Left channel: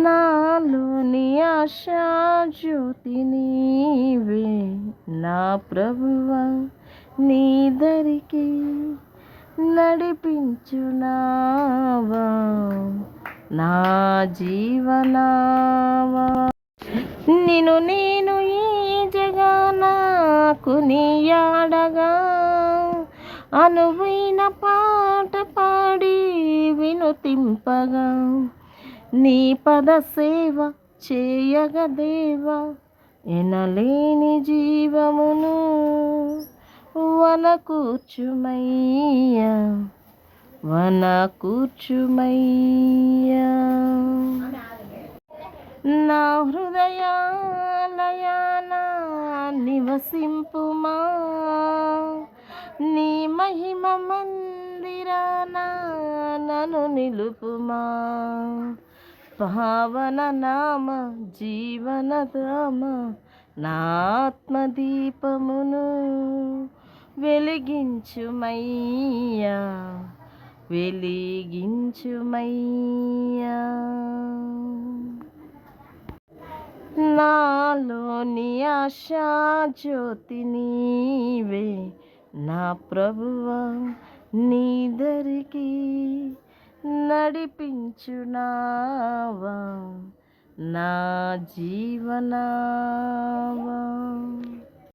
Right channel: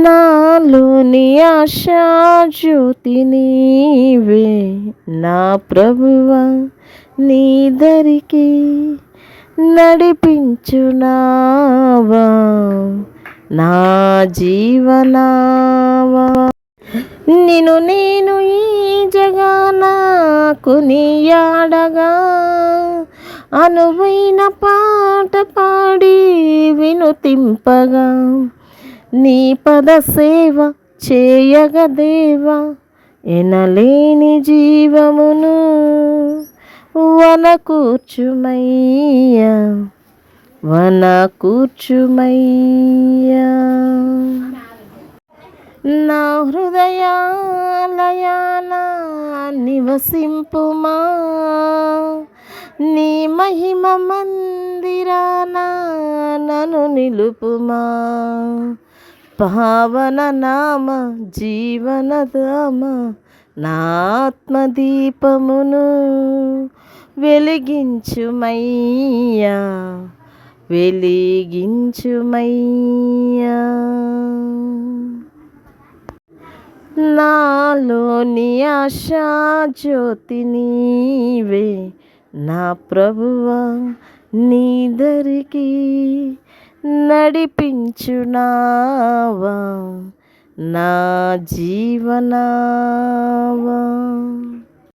నాలోని ఆశా జ్యోతి నీవే. నా ప్రభువ నీదరికి నడిపించునావా. నా జీవనావా. నిను నేను ఈ జగాన నీయాడగా అనువైన పాట పాడి వినుతింపగా. నీ పద సేవ చేయగదేవా ఎనలేని జీవమును వన కూర్చుమయ్యా వన కూర్చుమయ్యా నా హృదయాలయాన నివసింపుమా నీ మహిమ మందిరాన నన్ను నిలుపుమా. పావన నామ జీవనధామ నా ఆత్మదీపమును వెలిగించుమయ్యా వెలిగించుమయ్యా. నాలోని ఆశా జ్యోతి నీవే నా ప్రభువా నీ దరికి నడిపించునావా నా జీవనావా?